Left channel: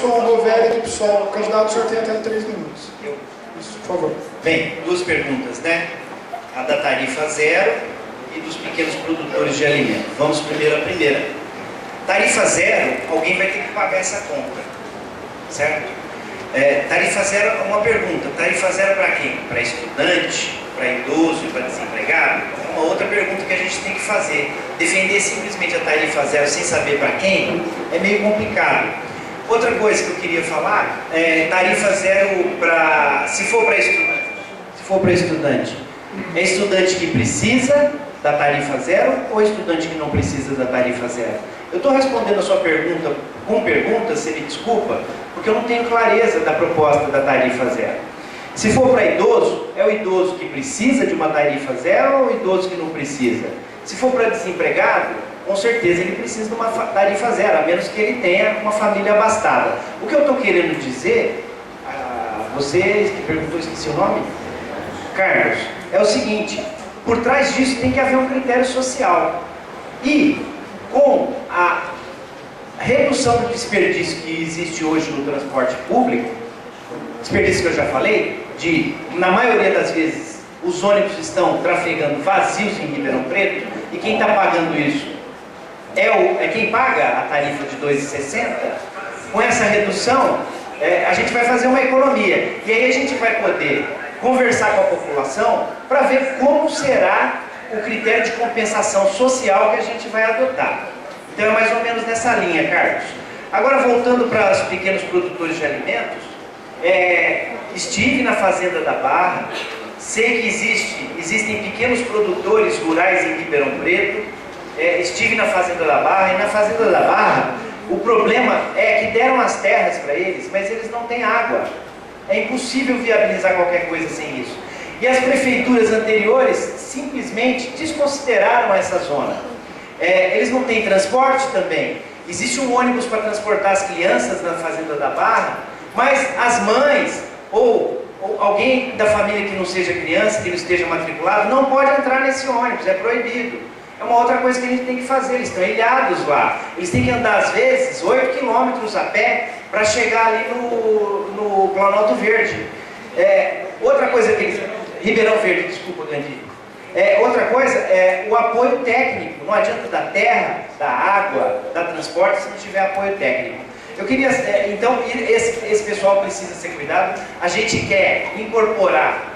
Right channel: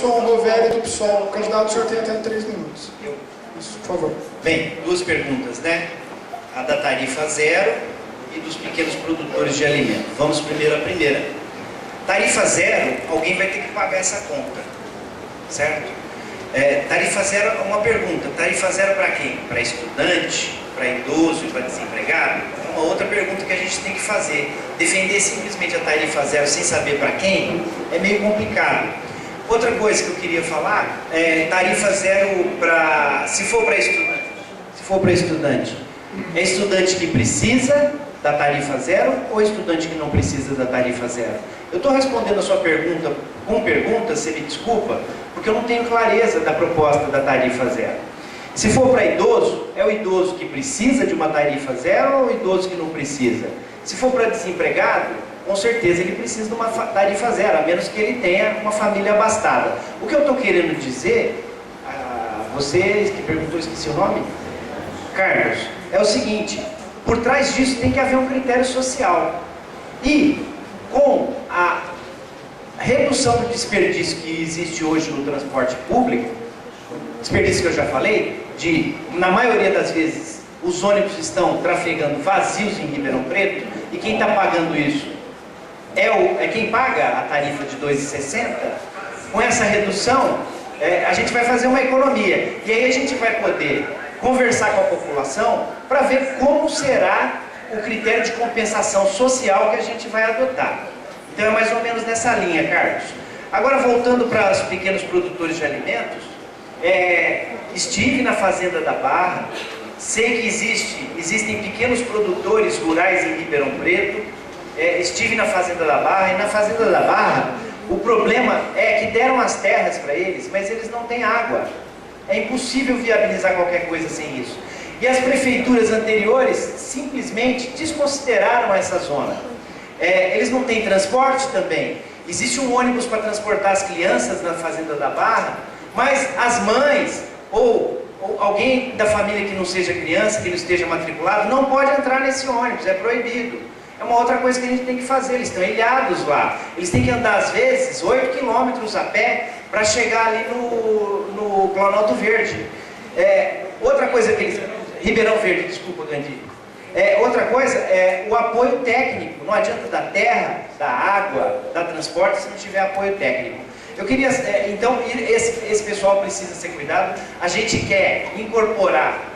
Emilson Roveri do PSOL. O candidato, o senhor tem até 3 minutos. Isso, por favor. Bem, 2 perguntas, né? A da tarifa zero e dos pequenos produtores de alimento. Vamos primeiro à primeira. Tarifa zero, alguém vai ter que pagar essa conta, certo? Tarifa zero é uma pergunta. Tarifa zero para quem? Para estudante, para idoso e para desempregado? É uma outra pergunta que a gente tem que fazer. Defender simplesmente a tarifa zero sem saber para quem é meio complicado. Outra coisa que eu queria falar é tarifa zero para, se for para estudante. Se for para estudante, é estudante que precisa da tarifa zero ou estudante que não precisa da tarifa zero? Eu estou respondendo a sua pergunta com perguntas, você me desculpa, porque eu não tenho clareza da proposta da tarifa zero. Se for para idoso, é o idoso que precisa de uma tarifa zero ou o idoso que não precisa? Se for para desempregado, com certeza ele precisa de uma tarifa zero, a menos que ele tenha uma família abastada. O que eu estou querendo dizer, você que perguntou, esqueci o nome? Carlos, é o seguinte: por trás disso tem que haver um critério social. E com a redução do desperdício que existe hoje no transporte público, desperdício que eu já falei, na maioria das vezes, os ônibus estão trafegando vazios em Ribeirão Preto, e quem está pagando isso é quem paga a tarifa de R$ 2,60. Com essa redução, a gente vai fazer uma economia, e aí a gente vai poder conversar com a população para ver como será o critério de compensação social que a gente vai adotar. Então é mais ou menos nessa linha, Carlos. Agora, voltando para os pequenos produtores de alimentos, estive na Fazenda da Barra, sei que existem pequenos produtores rurais em Ribeirão Preto, estive na Fazenda da Barra, e na Fazenda da Barra o problema é que deram as terras para eles, mas eles não têm água. É impossível viabilizar qualquer coisa sem isso. E as prefeituras anteriores simplesmente desconsideraram essa zona. Eles não têm transporte também. Existe um ônibus para transportar as crianças na Fazenda da Barra, mas as mães ou alguém da família que não seja criança, que não esteja matriculado, não pode entrar nesse ônibus, é proibido. É uma outra coisa que a gente tem que fazer, eles estão ilhados lá. Eles têm que andar, às vezes, 8 quilômetros a pé para chegar ali no Planalto Verde. Outra coisa que eles... Ribeirão Verde, desculpa, Gandhi. Outra coisa é o apoio técnico. Não adianta dar terra, dar água, dar transporte se não tiver apoio técnico. Eu queria... então, esse pessoal precisa ser cuidado. A gente quer incorporar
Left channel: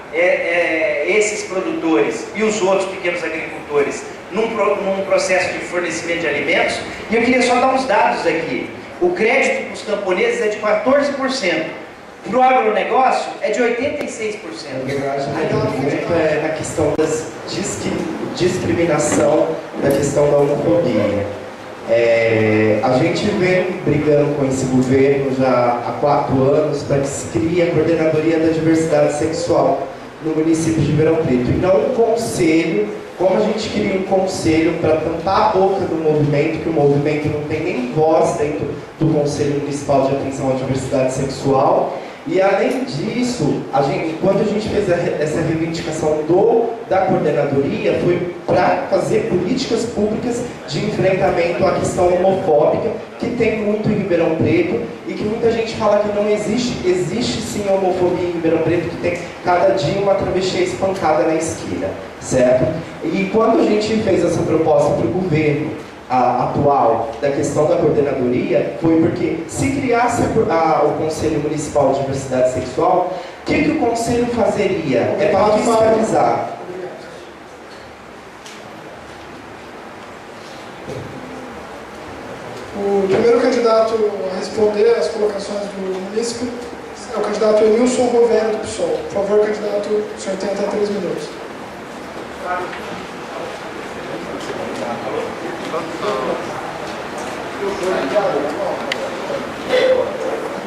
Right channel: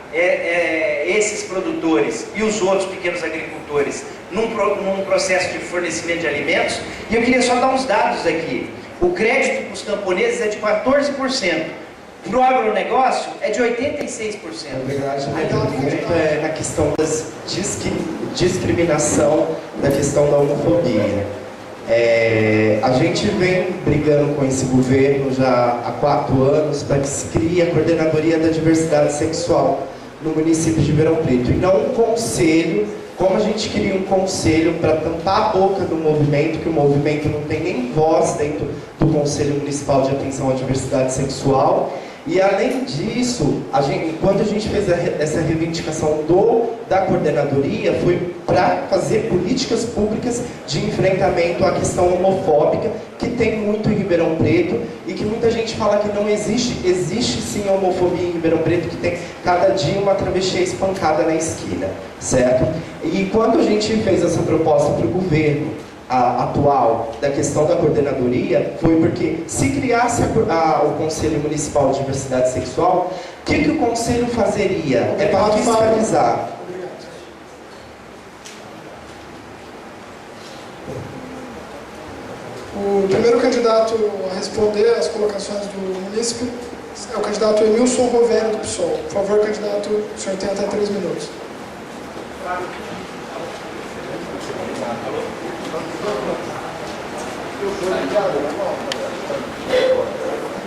esses produtores e os outros pequenos agricultores num processo de fornecimento de alimentos. E eu queria só dar uns dados aqui. O crédito para os camponeses é de 14%. Para o agronegócio é de 86%. Na verdade, muito na questão da discriminação, da questão da homofobia. A gente vem brigando com esse governo já há 4 anos para que se crie a Coordenadoria da Diversidade Sexual no município de Ribeirão Preto, e não um conselho. Como a gente queria um conselho para tampar a boca do movimento, que o movimento não tem nem voz dentro do Conselho Municipal de Atenção à Diversidade Sexual. E além disso, quando a gente fez essa reivindicação da coordenadoria, foi para fazer políticas públicas de enfrentamento à questão homofóbica, que tem muito em Ribeirão Preto, e que muita gente fala que não existe. Existe sim homofobia em Ribeirão Preto, que tem cada dia uma travesti espancada na esquina, certo? E quando a gente fez essa proposta para o governo atual da questão da coordenadoria, foi porque se criasse o Conselho Municipal de Diversidade Sexual, o que o Conselho fazeria? É para fiscalizar. O primeiro candidato a responder às colocações do munícipe é o candidato Emilson Roveri do PSOL. Por favor, candidato, o senhor tem até 3 minutos.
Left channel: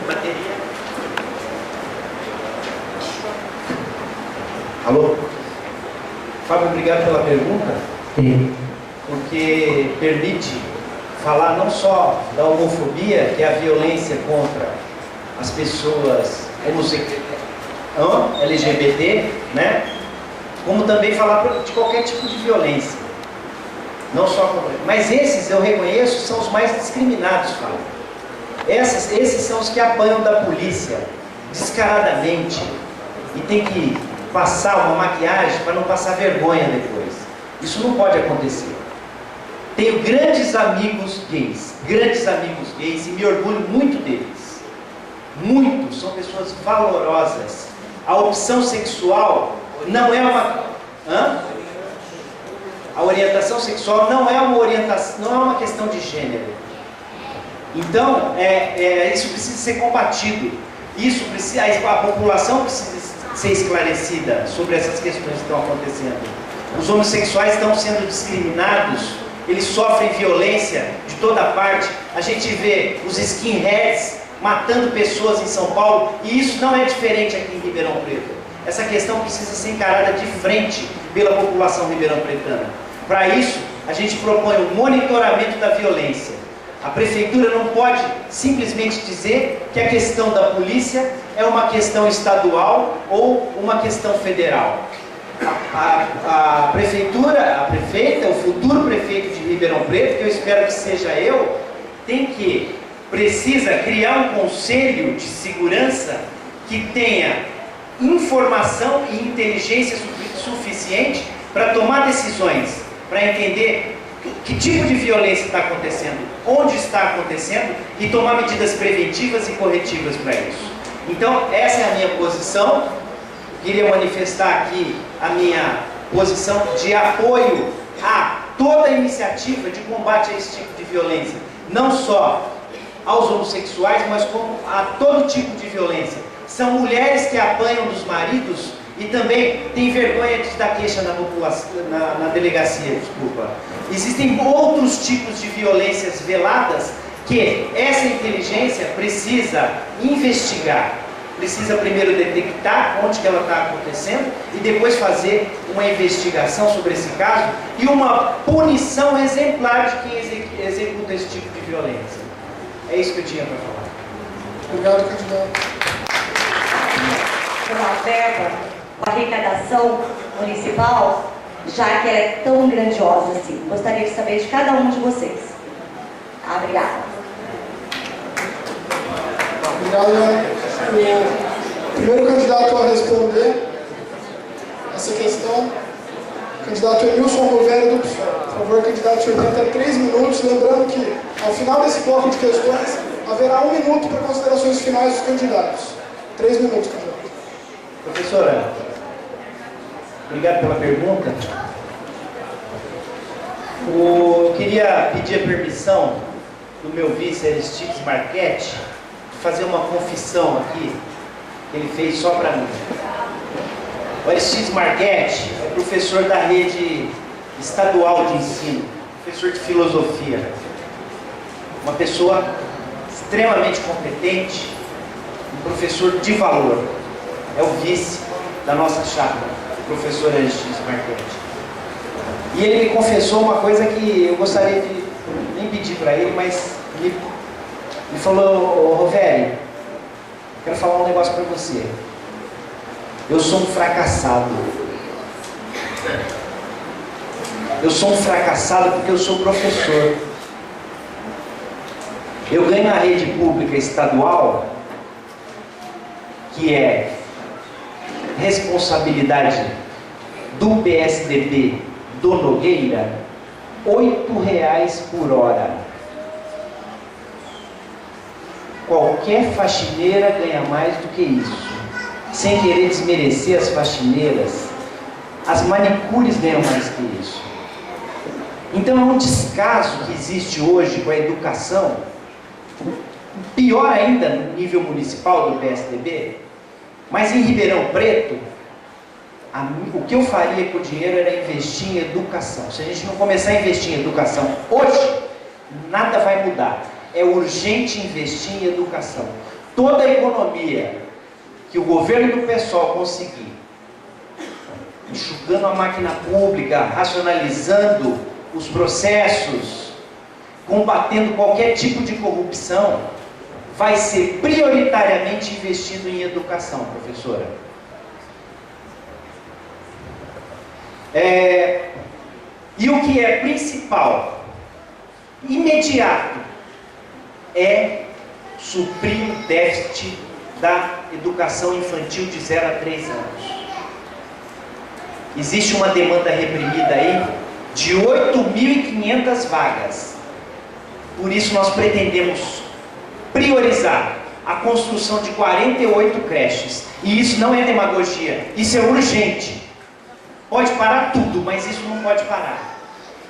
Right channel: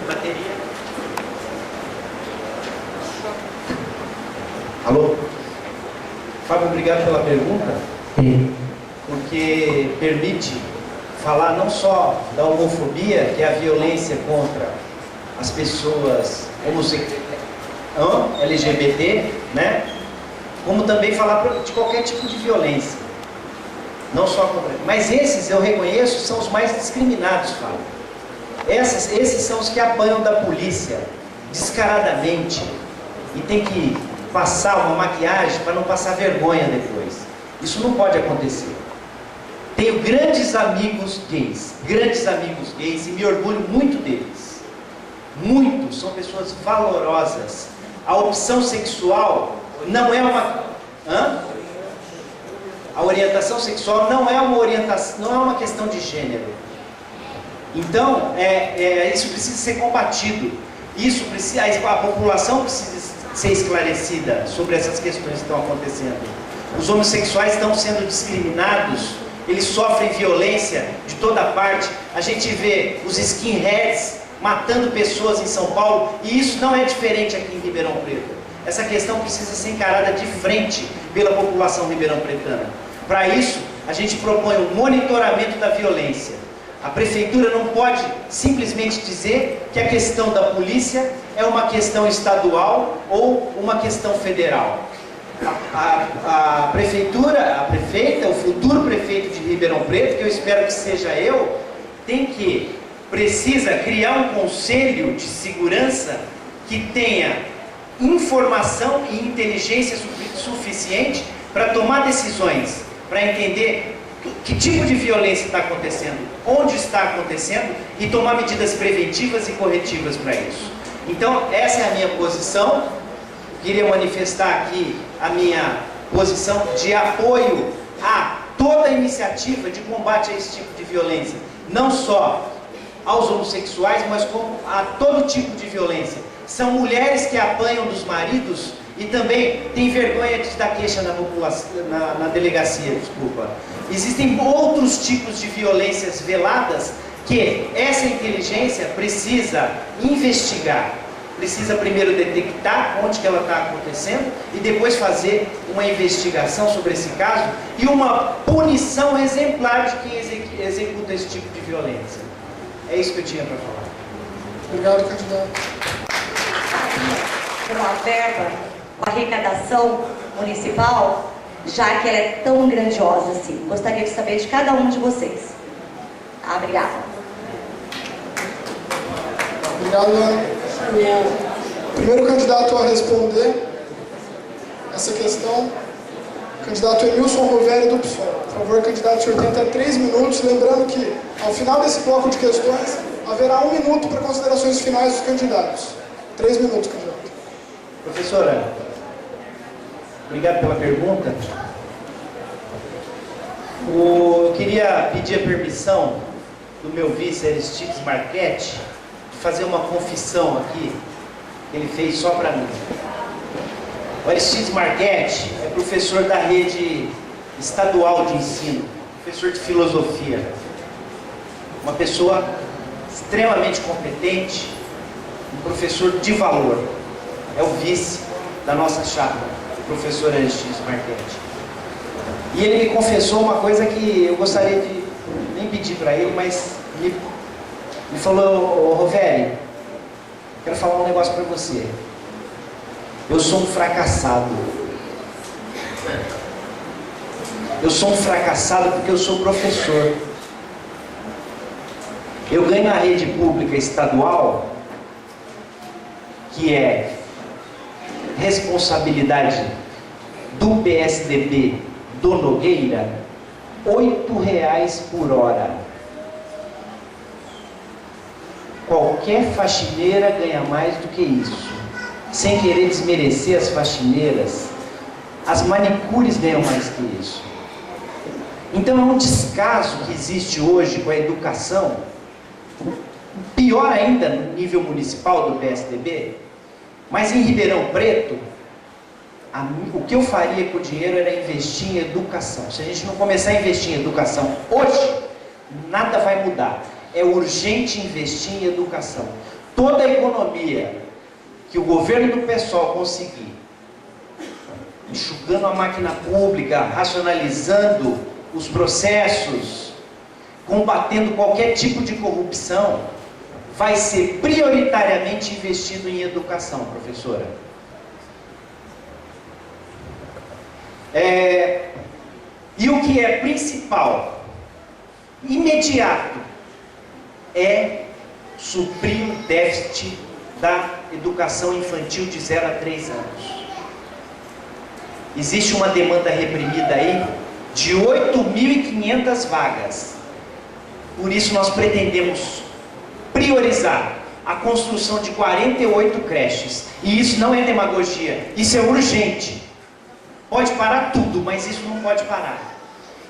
Bateria. Alô? Fábio, obrigado pela pergunta, porque permite falar não só da homofobia, que é a violência contra as pessoas LGBT, né? Como também falar de qualquer tipo de violência. Não só contra... Mas esses, eu reconheço, são os mais discriminados, Fábio. Esses são os que apanham da polícia descaradamente e tem que passar uma maquiagem para não passar vergonha depois. Isso não pode acontecer. Tenho grandes amigos gays e me orgulho muito deles. Muito, são pessoas valorosas. A opção sexual não é uma... A orientação sexual não é uma orientação, não é uma questão de gênero. Então, isso precisa ser combatido. A população precisa ser esclarecida sobre essas questões que estão acontecendo. Os homossexuais estão sendo discriminados, eles sofrem violência de toda parte. A gente vê os skinheads matando pessoas em São Paulo, e isso não é diferente aqui em Ribeirão Preto. Essa questão precisa ser encarada de frente pela população ribeirão-pretana. Para isso, a gente propõe um monitoramento da violência. A prefeitura não pode simplesmente dizer que a questão da polícia é uma questão estadual ou uma questão federal. A prefeita, o futuro prefeito de Ribeirão Preto, que eu espero que seja eu, precisa criar um conselho de segurança que tenha informação e inteligência suficiente para tomar decisões, para entender que tipo de violência está acontecendo, onde está acontecendo e tomar medidas preventivas e corretivas para isso. Então, essa é a minha posição. Queria manifestar aqui a minha posição de apoio a toda iniciativa de combate a esse tipo de violência, não só aos homossexuais, mas como a todo tipo de violência. São mulheres que apanham dos maridos e também têm vergonha de dar queixa na delegacia, desculpa. Existem outros tipos de violências veladas que essa inteligência precisa investigar. Precisa primeiro detectar onde que ela está acontecendo e depois fazer uma investigação sobre esse caso e uma punição exemplar de quem executa esse tipo de violência. É isso que eu tinha para falar. Obrigado, candidato. Uma verba, uma arrecadação municipal, já que ela é tão grandiosa assim. Gostaria de saber de cada um de vocês. Obrigada. Obrigado, Ana. O primeiro candidato a responder essa questão, o candidato Emilson Roveri do PSOL. Por favor, candidato, o senhor tem até 3 minutos. Lembrando que, ao final desse bloco de questões, haverá 1 minuto para considerações finais dos candidatos. 3 minutos, candidato. Professora, obrigado pela pergunta. Eu queria pedir a permissão do meu vice Aristides Marchetti de fazer uma confissão aqui que ele fez só para mim. O Aristides Marchetti é professor da rede estadual de ensino, professor de filosofia, uma pessoa extremamente competente, um professor de valor. É o vice da nossa chapa, o professor Aristides Marchetti. E ele me confessou uma coisa que eu gostaria de nem pedir para ele, mas ele falou: Roveri, quero falar um negócio para você. Eu sou um fracassado. Eu sou um fracassado porque eu sou professor. Eu ganho na rede pública estadual, que é responsabilidade do PSDB do Nogueira, R$8 por hora. Qualquer faxineira ganha mais do que isso. Sem querer desmerecer as faxineiras, as manicures ganham mais que isso. Então é um descaso que existe hoje com a educação, pior ainda no nível municipal do PSDB, mas em Ribeirão Preto, o que eu faria com o dinheiro era investir em educação. Se a gente não começar a investir em educação hoje, nada vai mudar. É urgente investir em educação. Toda a economia que o governo do PSOL conseguir, enxugando a máquina pública, racionalizando os processos, combatendo qualquer tipo de corrupção, vai ser prioritariamente investido em educação, professora. E o que é principal, imediato, é suprir o déficit da educação infantil de 0 a 3 anos. Existe uma demanda reprimida aí de 8.500 vagas. Por isso nós pretendemos priorizar a construção de 48 creches. E isso não é demagogia, isso é urgente. Pode parar tudo, mas isso não pode parar.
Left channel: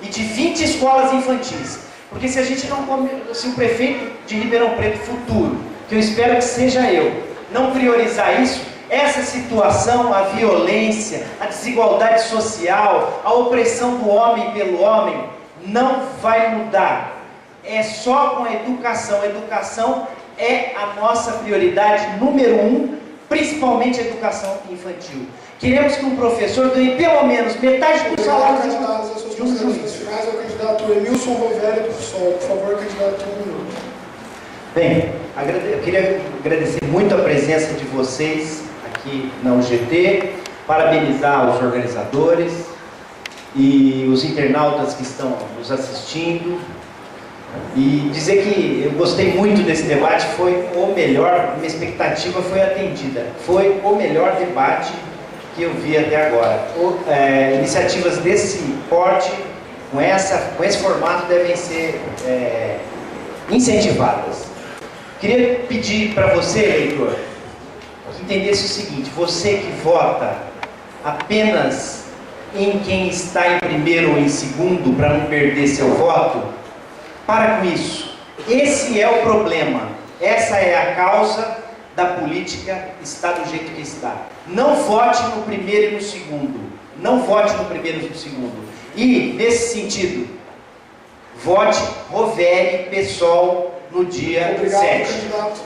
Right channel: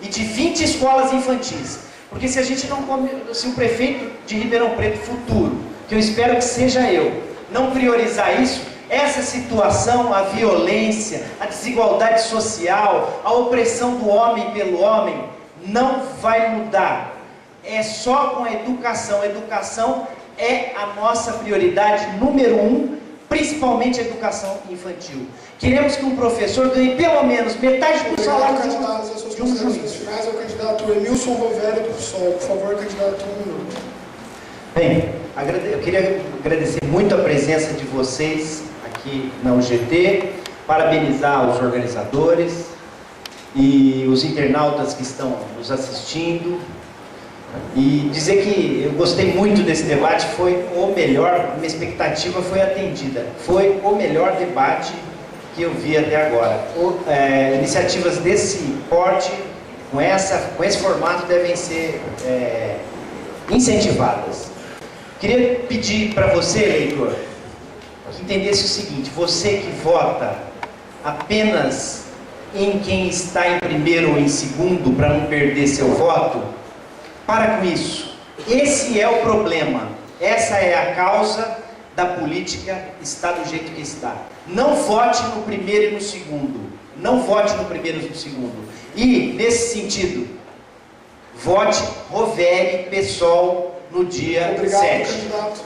E de 20 escolas infantis. Porque se a gente não, se o prefeito de Ribeirão Preto futuro, que eu espero que seja eu, não priorizar isso, essa situação, a violência, a desigualdade social, a opressão do homem pelo homem, não vai mudar. É só com a educação. A educação é a nossa prioridade número 1, principalmente a educação infantil. Queremos que um professor ganhe pelo menos metade do salário de um juiz. Finais é o candidato Emilson Roveri do PSOL. Por favor, candidato, 1 minuto. Bem, eu queria agradecer muito a presença de vocês aqui na UGT, parabenizar os organizadores e os internautas que estão nos assistindo e dizer que eu gostei muito desse debate, foi o melhor, minha expectativa foi atendida, foi o melhor debate que eu vi até agora. Iniciativas desse porte, com esse formato, devem ser incentivadas. Queria pedir para você, eleitor, que entendesse o seguinte: você que vota apenas em quem está em primeiro ou em segundo para não perder seu voto, para com isso. Esse é o problema, essa é a causa da política estar do jeito que está. Não vote no primeiro e no segundo, não vote no primeiro e no segundo. E, nesse sentido, vote Roveri, PSOL, no dia 7. Obrigado, candidato.